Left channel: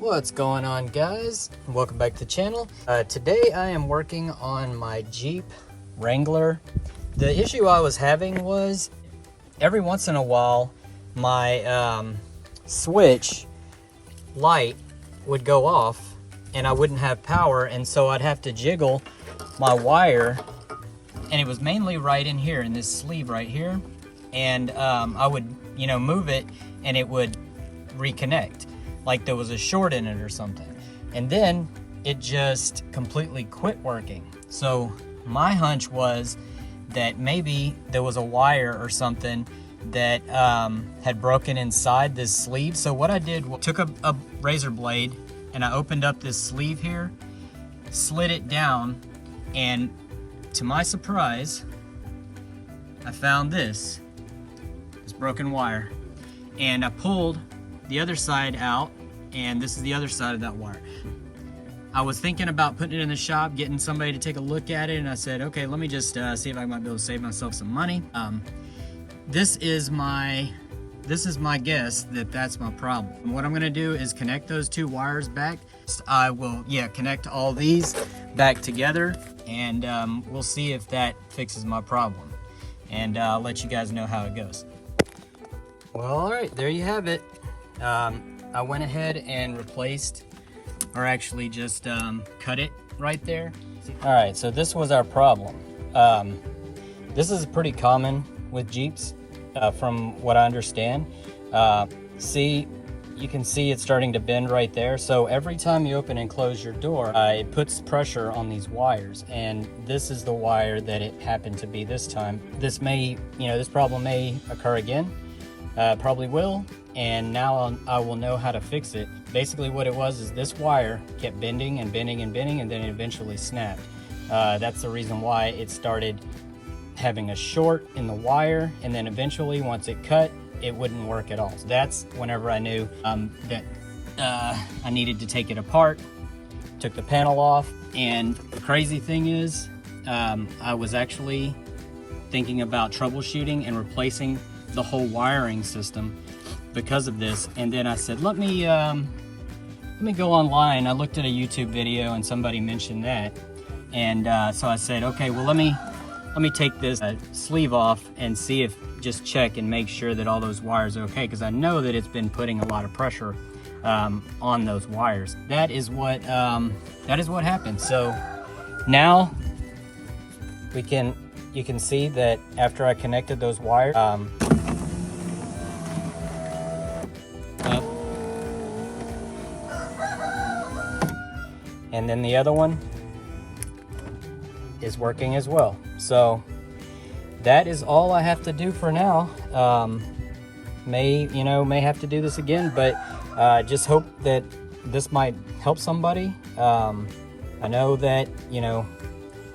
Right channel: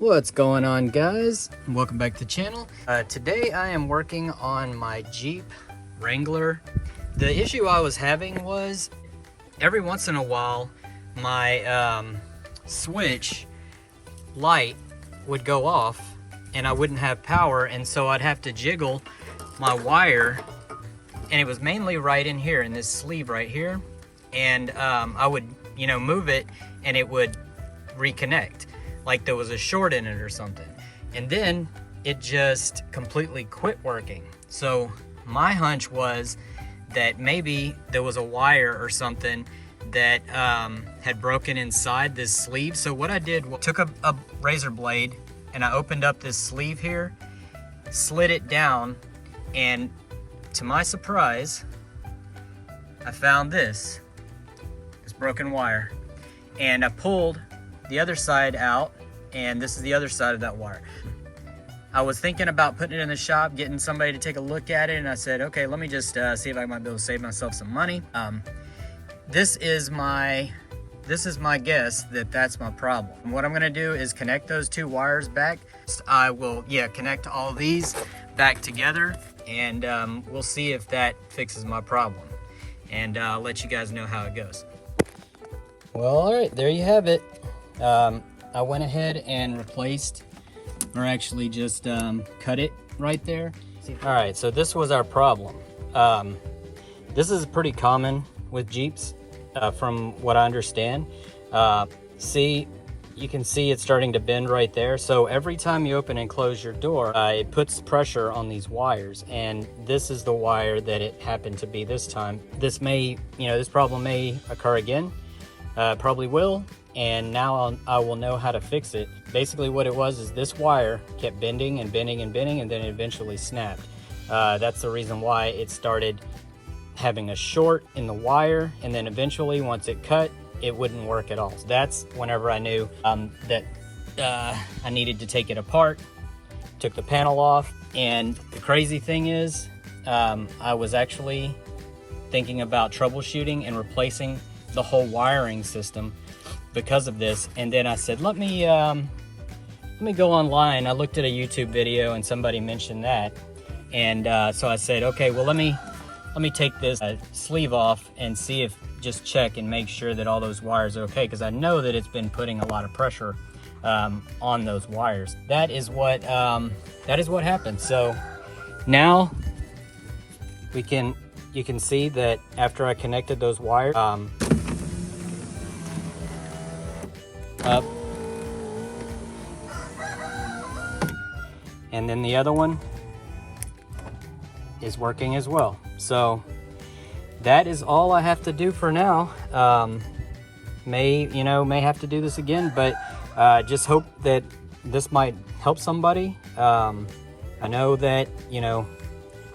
What's going on, guys? Welcome back to the channel. Today I am working on my Jeep Wrangler. The issue I was having was every once in a while my switch light would go off and I wouldn't have power, and so I'd have to jiggle my wire, and it was mainly right in here in this sleeve right here, and I would move it and it would reconnect like there was a short in it or something, and then it just completely quit working. So my hunch was that maybe there was a wire or something that had broken inside this sleeve. So what I did was took a razor blade and I opened up this sleeve here, slid it down, and to my surprise I found this broken wire, and I pulled the other side out, and this is the other side of that wire. I was thinking about putting it in the shop, getting somebody to take a look at it, and I said, okay, let me just see if I might be able to save myself some money. This is my guess that that's my problem. And what I'm gonna do is connect those two wires back. I will, connect all these back together, and we'll see if that fixes my problem. And I'll let you guys know how it goes. Well, all right, there you have it. I went ahead and replaced, or actually just cut it right there. All right, so this was our problem. This is pretty common with Jeeps, from what I understand. You can see it's starting to bend right there. So every time you open and close your door, it puts pressure on these wires, and this is the wire that it happened to be this time. This may, this problem may occur again. Probably will, and now I will know how to fix it. Basically what it was is this wire kept bending and bending and bending, and then it eventually snapped. That's the reason why it started having a short in the wire, and then eventually once it cut, it wouldn't work at all. So that's whenever I knew that I needed to take it apart. Took the panel off, and the crazy thing is I was actually thinking about troubleshooting and replacing the whole wiring system because of this, and then I said, let me go online. I looked at a YouTube video and somebody mentioned that, and so I said, okay, well let me take this sleeve off and see if, just check and make sure that all those wires are okay, because I know that it's been putting a lot of pressure on those wires. That is what happened. So now you can see that after I connected those wires up, and then the other one is working as well. So that is all I have to do for now. May have to do this again, but just hope that this might help somebody. I know that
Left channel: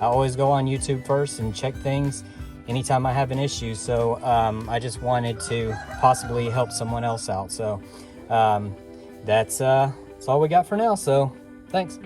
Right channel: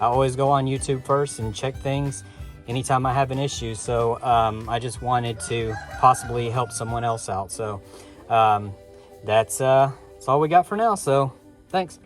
I always go on YouTube first and check things anytime I have an issue, so I just wanted to possibly help someone else out. So that's all we got for now, so thanks.